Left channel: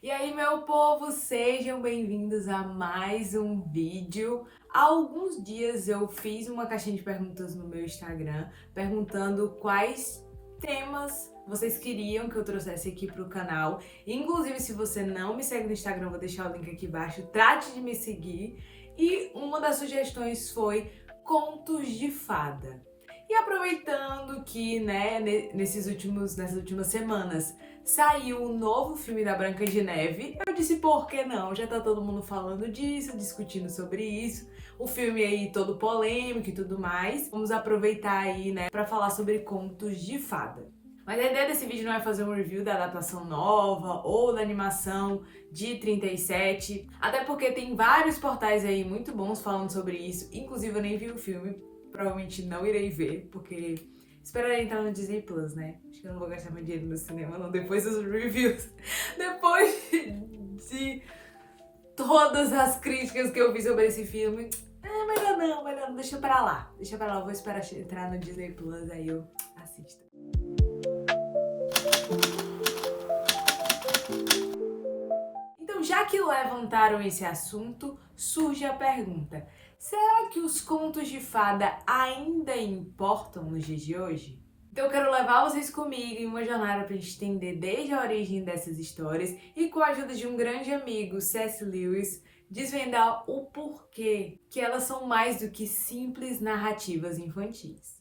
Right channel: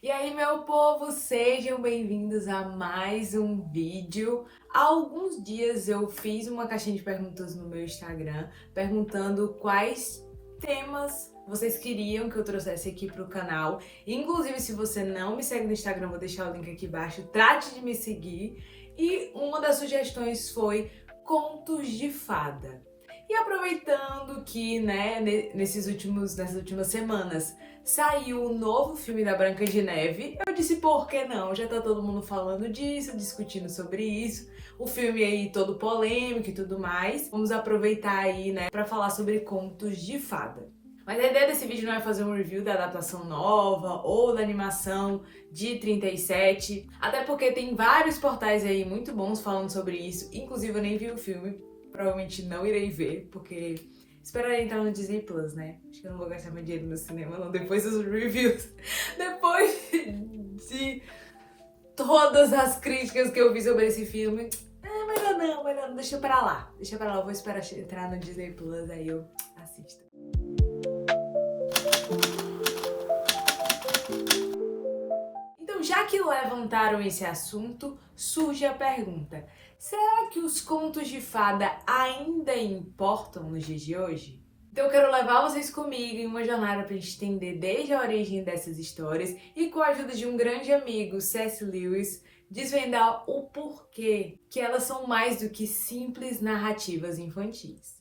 E aí, meu povo, sejam bem-vindos a mais um vídeo. Há alguns dias eu fiz uma caixinha de perguntas no meu Instagram, perguntando quais temas vocês queriam que eu trouxesse aqui para o canal. Inclusive, se você não me segue no Instagram, eu vou deixar o link aqui embaixo, trate de me seguir. E uma das sugestões foi contos de fada. E aproveitando que, né, nessas últimas semanas saiu o novo filme da Branca de Neve, eu disse, por que não? Já tá todo mundo falando disso, discutindo sobre isso. O filme aí todo polêmico e tudo mais. Vamos aproveitar aí, né, pra falar sobre contos de fada. Mas a ideia desse vídeo não é fazer um review da adaptação nova ou da animação de 37, até porque tem vários portais aí muito bons falando sobre isso, inclusive eu nem vi o filme, provavelmente não irei ver, porque esperarei entrar no Disney Plus, né? Acho que eu não vou gastar meu dinheiro no cinema, não, depois dos reviews, depois de todas as críticas que eu vi sobre esse filme. Melhor não, deixa pra lá, eu vou esperar entrar no Disney Plus, aí eu assisto. Então, já que levantaram esse assunto, surge a pergunta: será que os contos de fada ainda importam nos dias de hoje? Então eu quero levar vocês comigo em uma jornada para a gente entender desde a origem dessas histórias e, com a ajuda de um grande amigo, C.S. Lewis, desvendar o porquê que elas são mais do que simples narrativas infantis.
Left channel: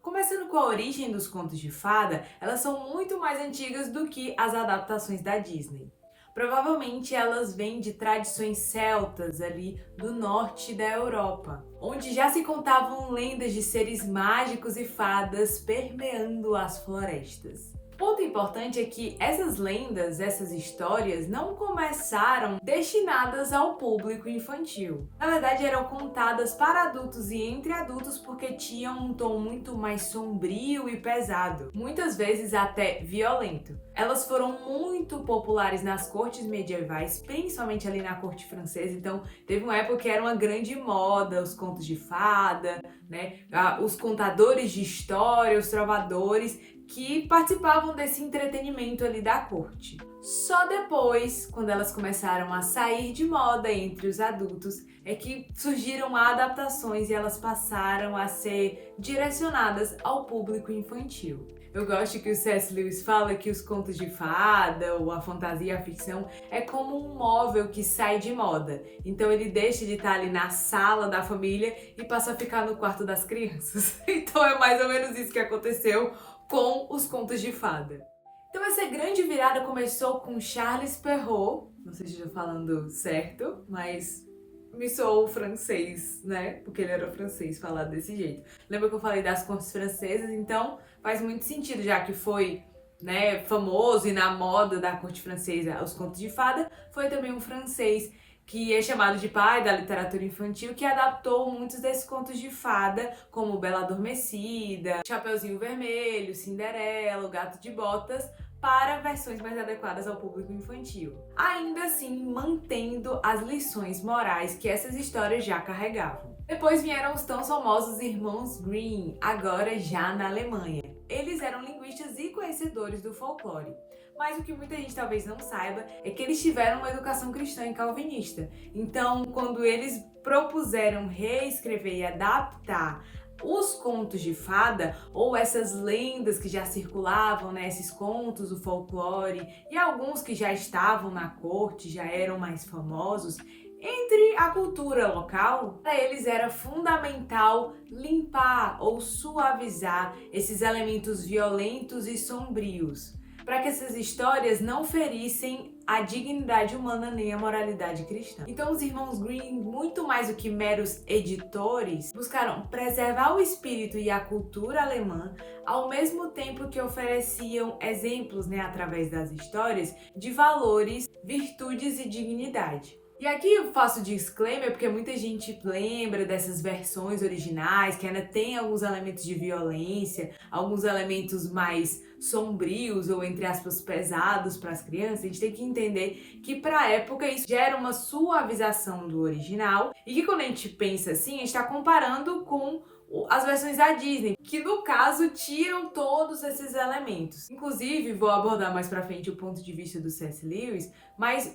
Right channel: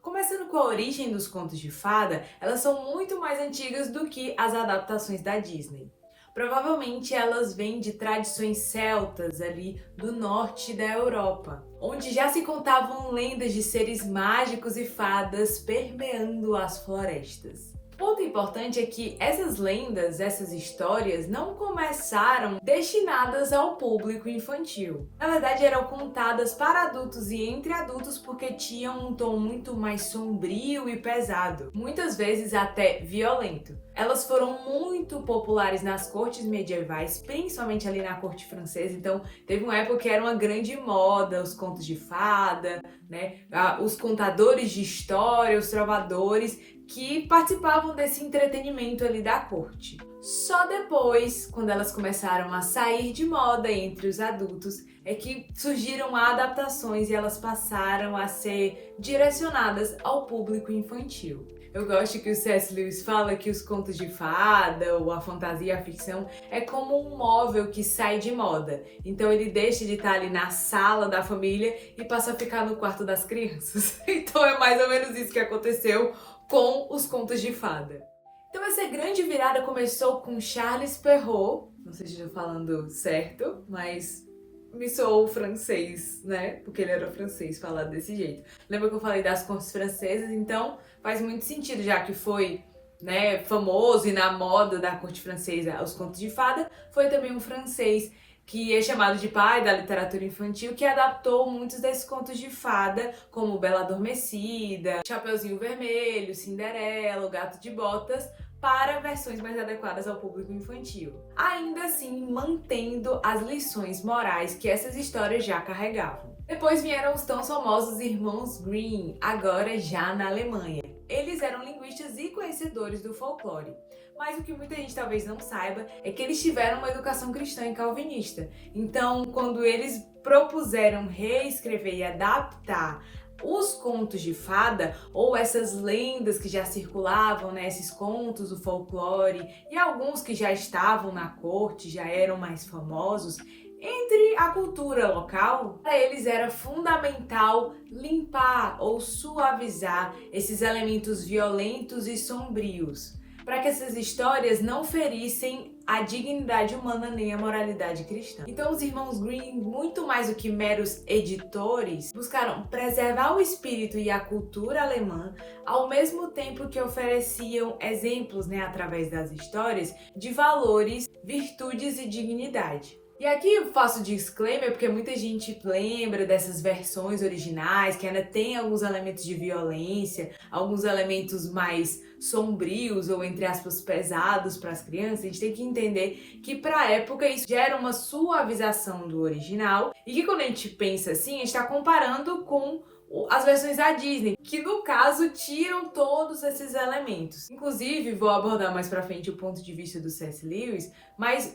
Começando com a origem dos contos de fada, elas são muito mais antigas do que as adaptações da Disney. Provavelmente elas vêm de tradições celtas ali do norte da Europa, onde já se contavam lendas de seres mágicos e fadas permeando as florestas. Ponto importante é que essas lendas, essas histórias, não começaram destinadas ao público infantil. Na verdade, eram contadas para adultos e entre adultos porque tinham um tom muito mais sombrio e pesado, muitas vezes até violento. Elas foram muito populares nas cortes medievais, principalmente ali na corte francesa, então teve uma época que era uma grande moda os contos de fada, né? Os contadores de história, os trovadores, que participavam desse entretenimento ali da corte. Só depois, quando elas começaram a sair de moda entre os adultos, é que surgiram adaptações e elas passaram a ser direcionadas ao público infantil. Eu gosto que o C.S. Lewis fala que os contos de fada, ou a fantasia e a ficção, é como um móvel que sai de moda. Então ele deixa de estar ali na sala da família e passa a ficar no quarto das crianças. Então é mais ou menos isso que aconteceu com os contos de fada. Então essa grande virada começou com Charles Perrault, não sei se estou falando certo, mas me soou francês, né? Porque ele era francês, falado desse jeito. Lembra que eu falei das cortes francesas? Então faz muito sentido, já que foi, né, famoso e na moda da corte francesa os contos de fada, foi também um francês que é chamado de pai da literatura infantil, que adaptou muitos desses contos de fada, como Bela Adormecida, Chapeuzinho Vermelho, Cinderela, O Gato de Botas, para versões mais adequadas ao público infantil. Ainda assim, mantendo as lições morais que essas histórias já carregavam. Depois vieram os tão famosos irmãos Grimm, agora já na Alemanha. Eles eram linguistas e conhecedores do folclore. Mas o que muita gente talvez não saiba é que eles tiveram uma educação cristã e calvinista. Então, quando eles propuseram reescrever e adaptar os contos de fada, ou essas lendas que já circulavam, né, esses contos do folclore, e alguns que já estavam na corte, já eram mais famosos, entre a cultura local, para eles era fundamental limpar ou suavizar esses elementos violentos e sombrios, para que essas histórias não ferissem a dignidade humana nem a moralidade cristã. Então os irmãos Grimm, muito mais do que meros editores, buscaram preservar o espírito e a cultura alemã, ao mesmo tempo que ofereciam exemplos, né, através das histórias, de valores, virtudes e dignidade. E aqui eu faço disclaimer porque muita gente lembra dessas versões originais que ainda tem alguns elementos de violência, alguns elementos mais sombrios ou, entre aspas, pesados para as crianças. A gente tem que entender que para a época isso gera uma suavização do original e que quando a gente pensa assim, a gente está comparando com as versões da Disney, que no caso tiram todos esses elementos. Inclusive, vou abordar mais pra frente o ponto de vista do C.S. Lewis, mas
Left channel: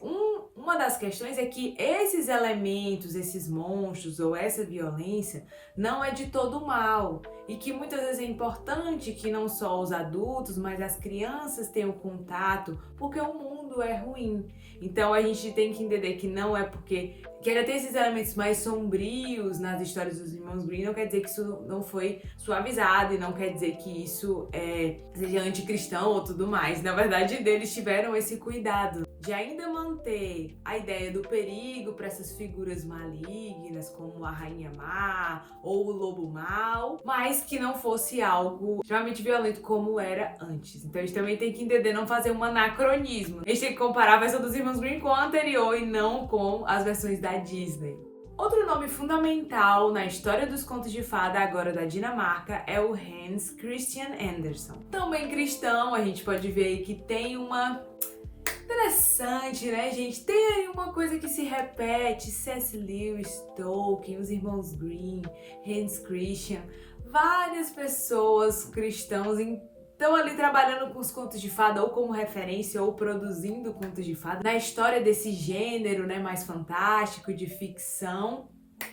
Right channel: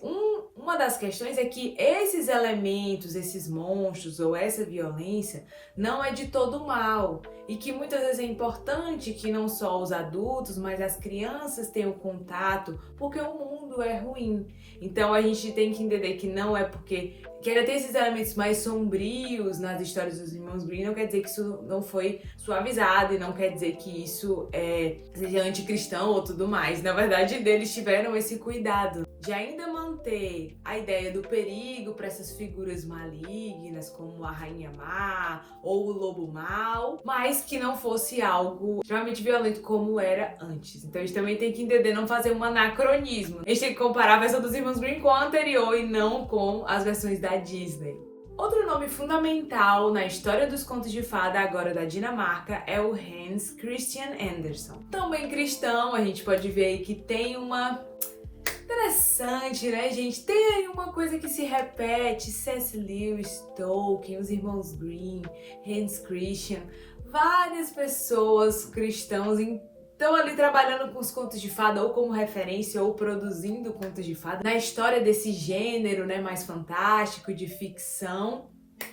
uma das questões é que esses elementos, esses monstros ou essa violência não é de todo mal, e que muitas vezes é importante que não só os adultos, mas as crianças tenham contato, porque o mundo é ruim. Então a gente tem que entender que não é porque que ainda tem esses elementos mais sombrios nas histórias dos irmãos Grimm, não quer dizer que isso não foi suavizado e não quer dizer que isso seja anticristão ou tudo mais. Na verdade, eles tiveram esse cuidado de ainda manter a ideia do perigo para essas figuras malignas, como a Rainha Má ou o Lobo Mau, mas que não fosse algo extremamente violento como era antes. Então a gente também tem que entender, não fazer um anacronismo. A gente tem que comparar a versão dos irmãos Grimm com a anterior e não com as versões da Disney. Outro nome fundamental na história dos contos de fada, agora da Dinamarca, é o Hans Christian Andersen. Também cristão, a gente pode ver aí que tem uma... Interessante, né, gente? Tem uma coisa que se repete: C.S. Lewis, Tolkien, os irmãos Grimm, Hans Christian, várias pessoas cristãos estão ali trabalhando com os contos de fada ou como referência ou produzindo contos de fada na história desse gênero, né, mais fantástico, de ficção.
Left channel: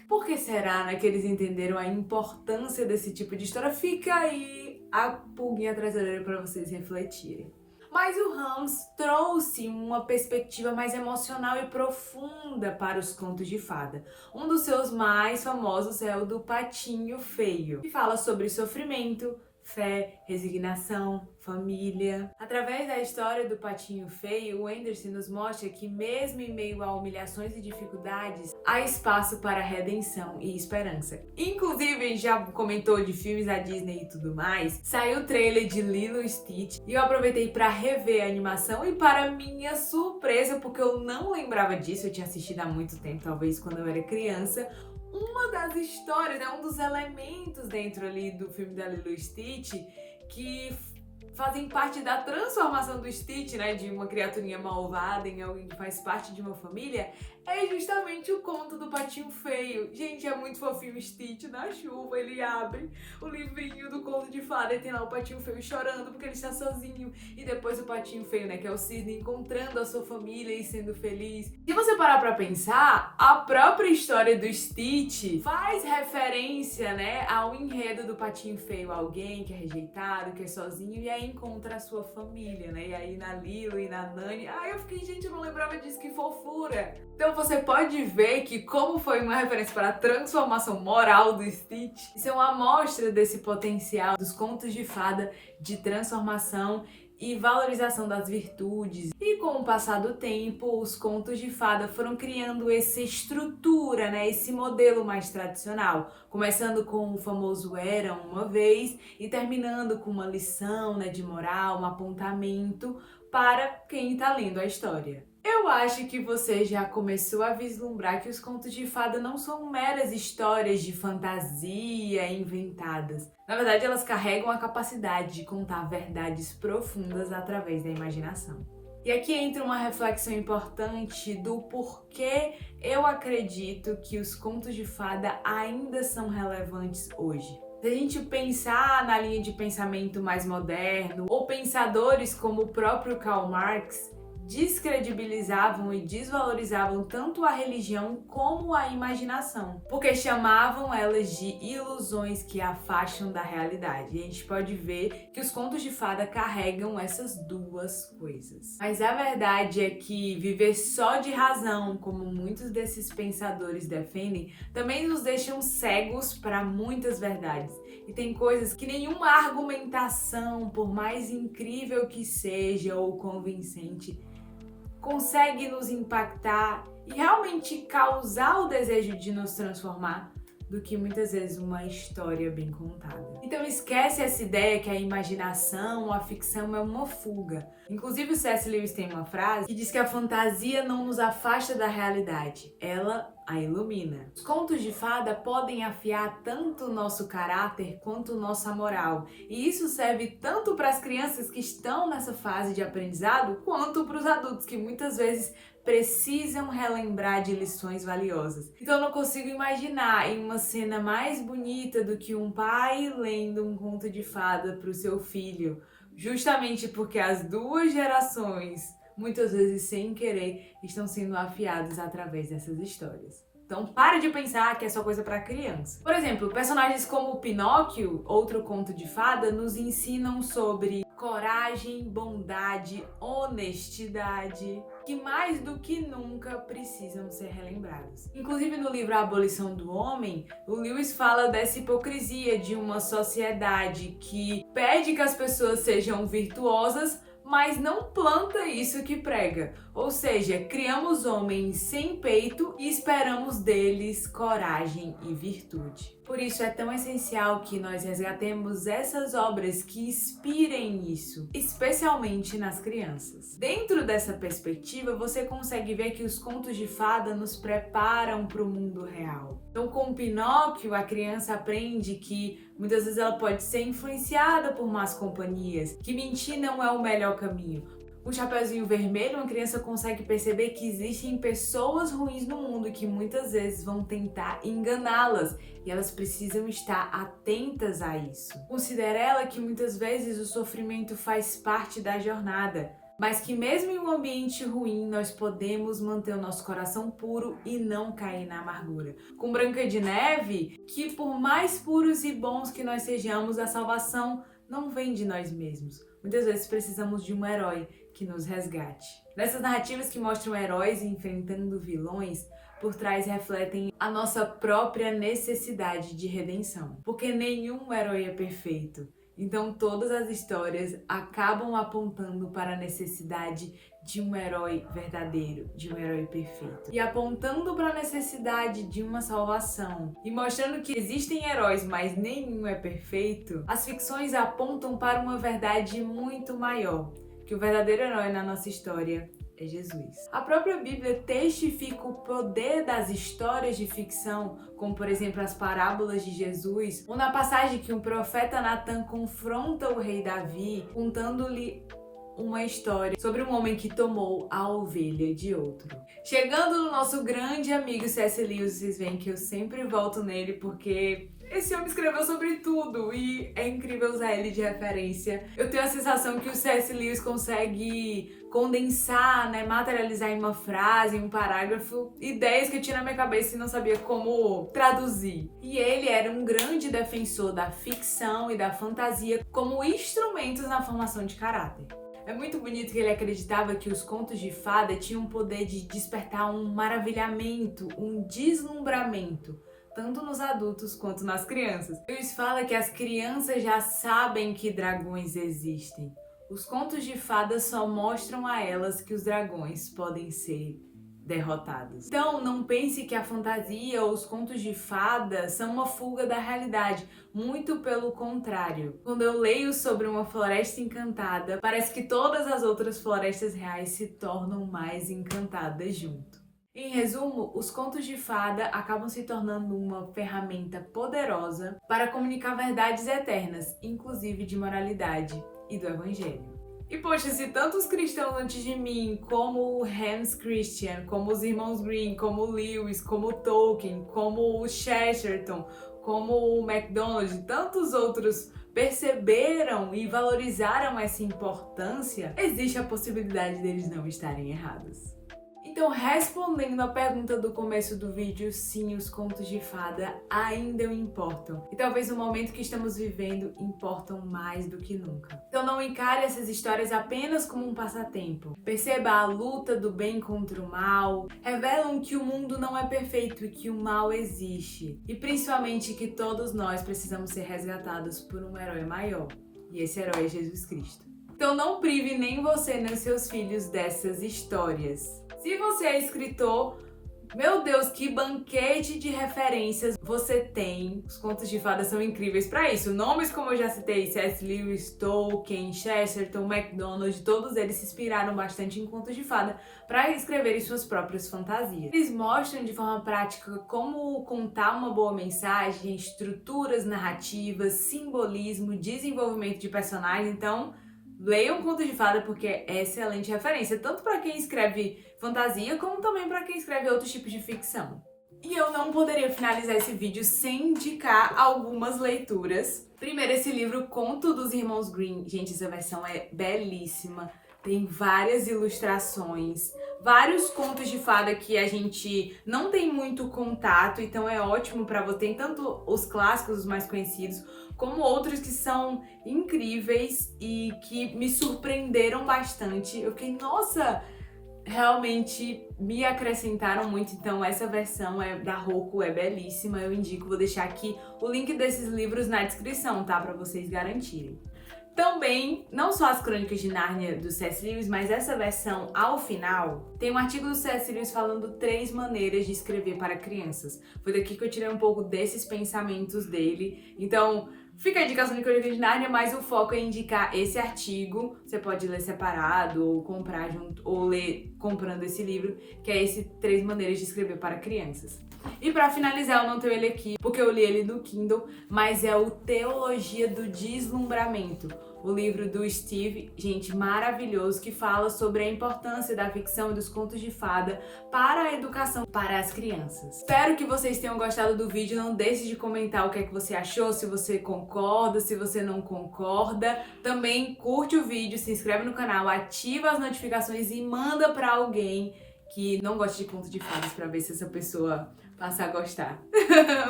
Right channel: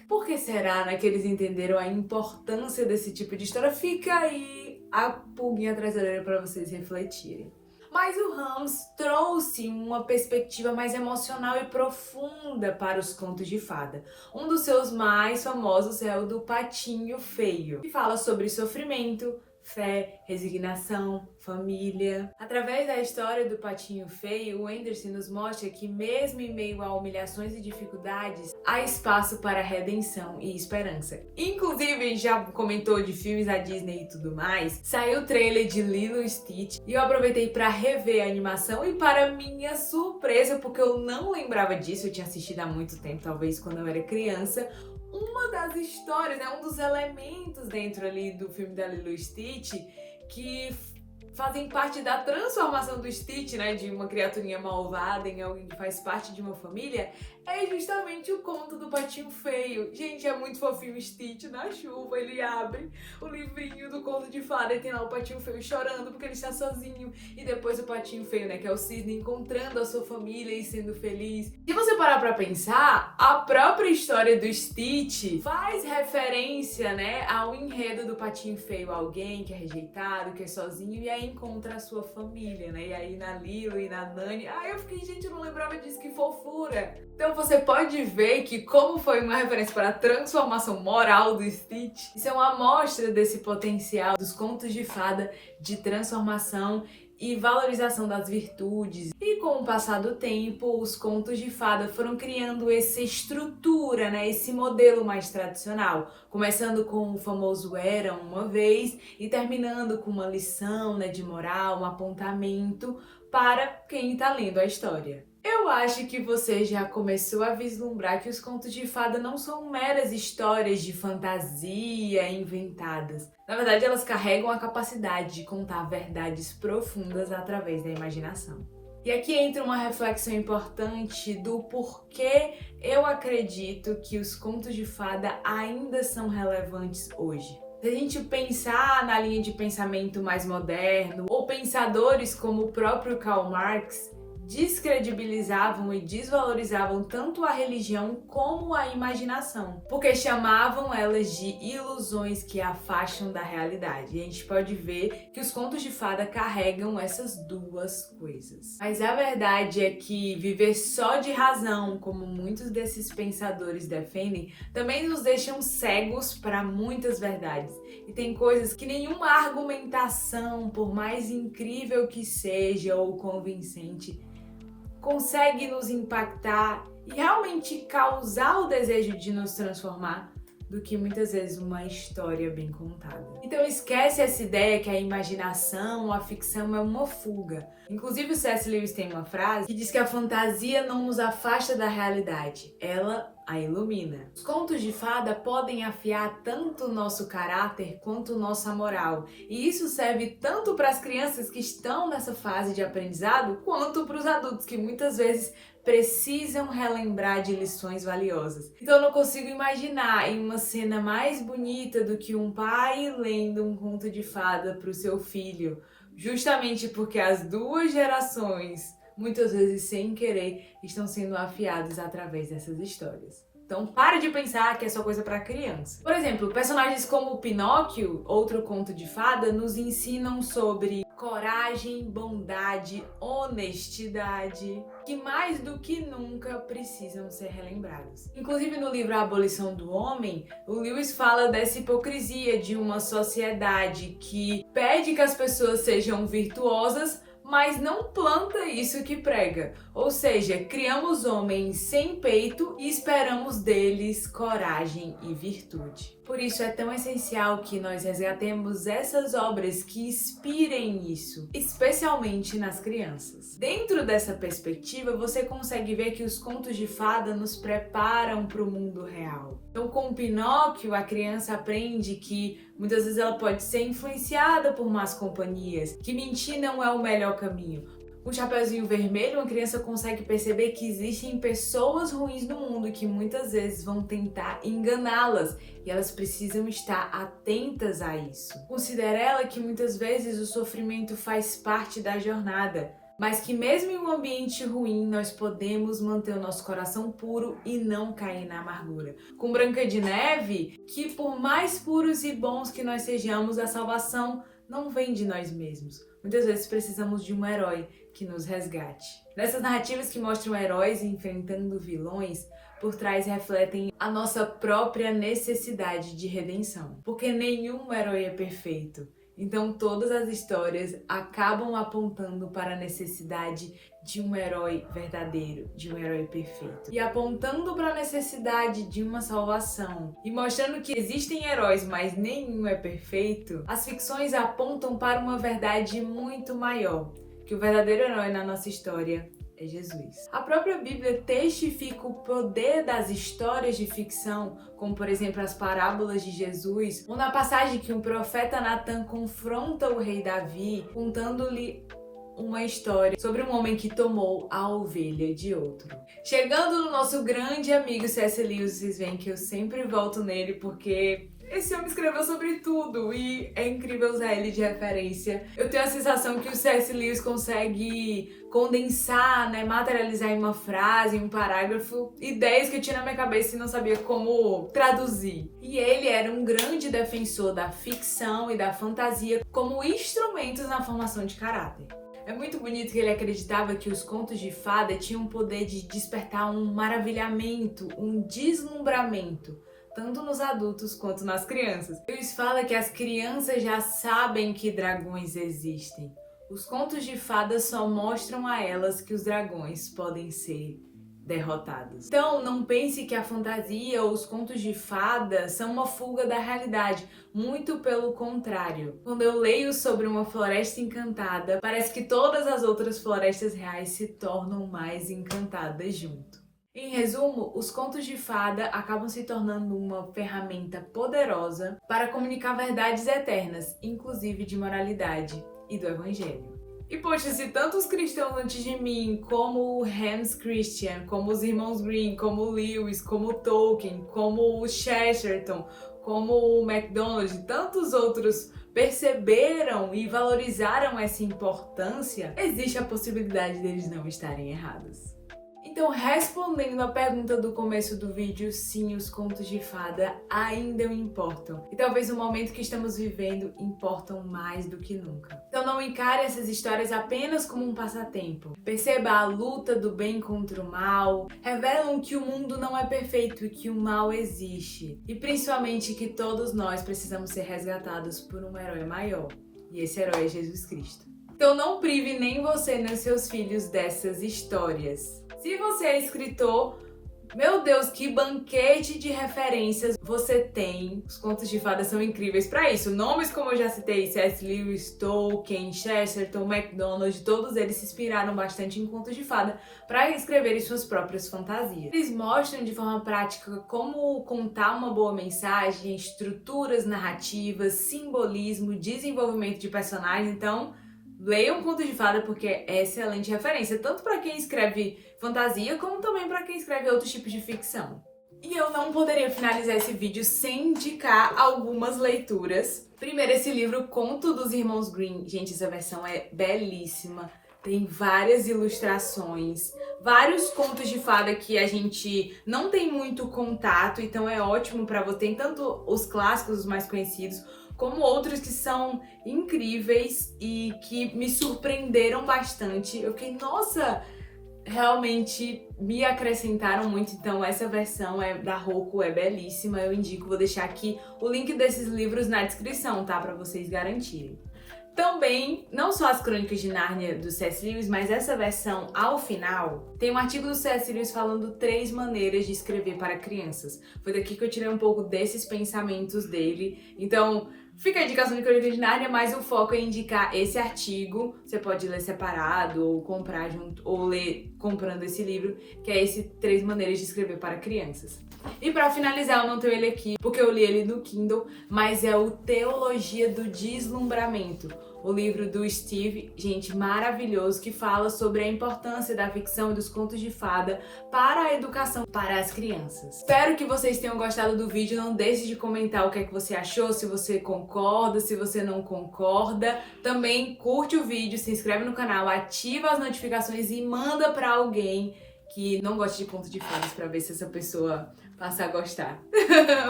Por que será, né, que eles entenderam a importância desse tipo de história? Fica aí a pulguinha atrás da orelha para vocês refletirem. Mas o Hans trouxe uma perspectiva mais emocional e profunda para os contos de fada. Um dos seus mais famosos é o do Patinho Feio, que fala sobre sofrimento, fé, resignação, família. Através da história do Patinho Feio, o Andersen nos mostra que mesmo em meio a humilhações e dificuldades, há espaço para redenção e esperança. Inclusive, a gente já comentou de filmes da Disney e tudo mais, saiu o trailer de Lilo e Stitch e eu aproveitei para rever a animação e, para minha surpresa, porque eu não lembrava disso, eu tinha assistido há muito tempo, talvez quando eu era criança, uma das histórias, né, um dos elementos dentro ali do filme da Lilo e Stitch que fazem parte da transformação do Stitch, né, de uma criaturinha malvada em alguém que faz parte de uma família, é justamente o conto do Patinho Feio. Gente, é muito fofinho o Stitch na chuva, ele abre o livrinho do conto de fada e tem lá o Patinho Feio chorando porque ele está sozinho, e depois o Patinho Feio, né, que é o cisne, encontrando a sua família e sendo feliz. Se você parar pra pensar, a própria história do Stitch faz referência, né, ao enredo do Patinho Feio, alguém que é rejeitado, que é sozinho e aí encontra a sua família, né, e aí na Lilo e na Nani, eu fiquei, gente, eu não lembrava disso, que fofura. Então você pode ver que, como foi uma referência para a transformação moral do Stitch, isso é uma amostra desse potencial dos contos de fada de transformação e valorização das virtudes. E com o passar do tempo, os contos de fada foram criando essa estrutura, né, esse modelo mais tradicional, começando com o famoso era uma vez e terminando com uma lição, né, de moral, um apontamento para quem está lendo a história. Eu acho que você já começou a vislumbrar que os contos de fada não são meras histórias de fantasia inventadas. Na verdade, elas carregam a capacidade de contar verdades profundas através da imaginação. E aqui entra uma reflexão importante do porquê eu acredito que os contos de fada ainda são relevantes hoje. Se a gente pensar na linha de pensamento mais moderno, ou pensadores como o próprio Karl Marx, descredibilizavam e desvalorizavam tanto a religião como a imaginação, porque chamavam elas de ilusões que afastam da realidade. E a gente pode ver que os contos de fada carregam essas duas coisas. Mas a verdade é que viver só de razão, como muitos desses pensadores defendem, também nos deixam cegos para muitas verdades. E tem coisas que nenhuma argumentação, por mais incrível que seja ou convincente, consegue nos impactar e realmente causar o desejo de nos transformar do que muitas vezes uma história bem contada. Então esquece essa ideia que a imaginação, a ficção é uma fuga. Inclusive o C.S. Lewis tem uma frase que diz que a fantasia não nos afasta da realidade, ela a ilumina. Os contos de fada podem afiar tanto o nosso caráter quanto nossa moral. E isso serve tanto para as crianças que estão nessa fase de aprendizado, quanto para os adultos que muitas vezes precisam relembrar de lições valiosas. Então eu não consigo imaginar em uma cena mais bonita do que um pai lendo um conto de fada para o seu filho, justamente porque as duas gerações, muitas vezes sem querer, estão sendo afiadas através dessas histórias. Então para de pensar que é só coisa para criança. Por exemplo, personagens como o Pinóquio, outro conto de fada, nos ensinam sobre coragem, bondade, honestidade, que mais do que nunca precisam ser relembrados. Inclusive no livro A Abolição do Homem, o Lewis fala dessa hipocrisia de uma sociedade que pede que as pessoas sejam virtuosas, mas não planta isso que prega. Ou seja, criamos homens sem peito e esperamos deles coragem e virtude. Por isso é tão essencial que nós resgatemos essas obras que inspirem isso, especialmente nas crianças. Dentro dessa perspectiva, você consegue ver que os contos de fada nos preparam para o mundo real. Então, com o Pinóquio, a criança aprende que muitas vezes ela pode ser influenciada por más companhias, que mentir não é o melhor caminho. Com o Chapeuzinho Vermelho, uma criança consegue perceber que existem pessoas ruins no mundo que muitas vezes vão tentar enganá-las e elas precisam estar atentas a isso. Considera ela que muitas vezes o sofrimento faz parte da jornada, mas que mesmo em um ambiente ruim nós podemos manter o nosso coração puro e não cair na amargura. Com Branca de Neve, que por mais puros e bons que nós sejamos, a salvação não vem de nós mesmos. Muitas vezes precisamos de um herói que nos resgate. Nessas narrativas que mostram heróis enfrentando vilões, por trás refletem a nossa própria necessidade de redenção. Porque nenhum herói é perfeito. Então todas as histórias acabam apontando para a necessidade de um herói verdadeiro, de um herói perfeito. E apontando para a necessidade de uma salvação e mostrando que existem heróis, mas nenhum é perfeito, as ficções apontam para uma verdade muito maior, que o verdadeiro herói na nossa história é Jesus. A própria Bíblia testifica o poder das histórias de ficção, como por exemplo as parábolas de Jesus, ou na passagem que um profeta Natan confronta o rei Davi, contando-lhe uma história sobre um homem que tomou a ovelha de outro. Chegando no nosso grande amigo C.S. Lewis, vocês veem que eu sempre volto nele porque esse homem escreveu sobre tudo e é incrível usar ele de referência. Eu tenho a sensação que o C.S. Lewis consegue condensar, materializar em uma frase, em um parágrafo, ideias que eu tinha na minha cabeça e não sabia como traduzir. E ele era um grande defensor da ficção e da fantasia como instrumentos na formação de caráter. É muito bonito que ele acreditava que os contos de fada tinham o poder de despertar um maravilhamento, um deslumbramento, tanto nos adultos quanto nas crianças. Lewis fala que as crianças já sabem que dragões existem. Os contos de fadas só mostram a elas que os dragões podem ser derrotados. Então, não pense que a fantasia ou os contos de fadas são uma fuga da realidade. Muito pelo contrário. Quando eu leio sobre uma floresta encantada, parece que todas as outras florestas reais se tornam mais encantadas junto. Em resumo, os contos de fada acabam se tornando uma ferramenta poderosa para comunicar verdades eternas, inclusive de moralidade e do Evangelho. E poxa, se tantos cristãos antes de mim, como o Hans Christian, como os irmãos Grimm, como o Lewis, como o Tolkien, como o Chesterton, como o MacDonald e tantos outros perceberam e valorizaram essa importância, existe a possibilidade deles não estarem errados. Então, respondendo à pergunta do começo do vídeo, sim, os contos de fada ainda importam. E talvez o momento que estamos vivendo importam mais do que nunca. Então não encare essas histórias apenas como um passatempo. Perceba a luta do bem contra o mal, revelam que o mundo não é perfeito e que o mal existe. E principalmente que todos nós precisamos ser resgatados por um herói maior. E esse herói é Jesus Cristo. Então não prive nem você nem seus filhos dessas histórias. Se você é escritor, Meu Deus, que banquete de referências você tem. Os contos de fadas são incríveis para isso. Nomes como eu já citei, C.S. Lewis, Tolkien, Chesterton, MacDonald, todos eles se inspiraram bastante em contos de fada para escreverem suas próprias fantasias. Eles mostram de forma prática como contar uma boa mensagem, estruturas narrativas, simbolismo, desenvolvimento de personagens. Então, leiam um conto de fada porque é excelente referência, tanto para quem escreve fantasia, como também para quem escreve outros tipos de ficção. E eu não poderia finalizar esse vídeo sem indicar algumas leituras. Primeiro, esse livro Conto dos Irmãos Grimm. Gente, essa versão é belíssima. Tem várias ilustrações, vários contos de fada que a gente não tem muito contato, então é ótimo para você. Tem tanto os clássicos, os mais conhecidos, como outros que são incríveis e que me surpreenderam bastante. Eu fiquei, nossa, realmente me acrescentaram muito. Então essa versão da Roku é belíssima, eu indico. Vou deixar aqui o link desses livros na descrição, tá? Para vocês garantirem. Também, não só as Crônicas de Nárnia do C.S. Lewis, mas essa versão ao final, tem um artigo do C.S. Lewis falando 3 maneiras de escrever para crianças. Foi daqui que eu tirei um pouco desses pensamentos dele. Então, fica a indicação de Crônicas de Nárnia, mas o foco é indicar esse artigo. Você pode ler separado, ou comprar junto, ou ler comprando esse livro, que é esse 3 maneiras de escrever para crianças. E pra finalizar, eu não tenho ele aqui, porque eu li ele no Kindle, mas é o Teologia do Deslumbramento, o livro do Steve, gente, maravilhoso, que fala sobre a importância da ficção e dos contos de fada para a educação para as crianças. Espero que vocês tenham gostado do vídeo, não deixe de comentar o que é que você achou, se você concorda, se você não concorda. Também curte o vídeo, se inscreve no canal, ativa as notificações e manda pra alguém que não gosta de conto de fadas pra ver se essa pessoa passa a gostar.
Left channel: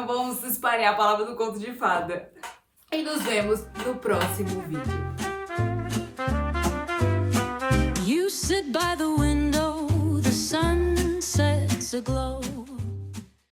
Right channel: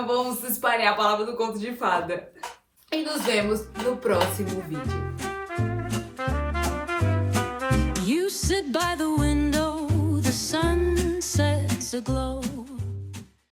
Vamos espalhar a palavra do conto de fada. E nos vemos no próximo vídeo. You sit by the window, the sun sets aglow.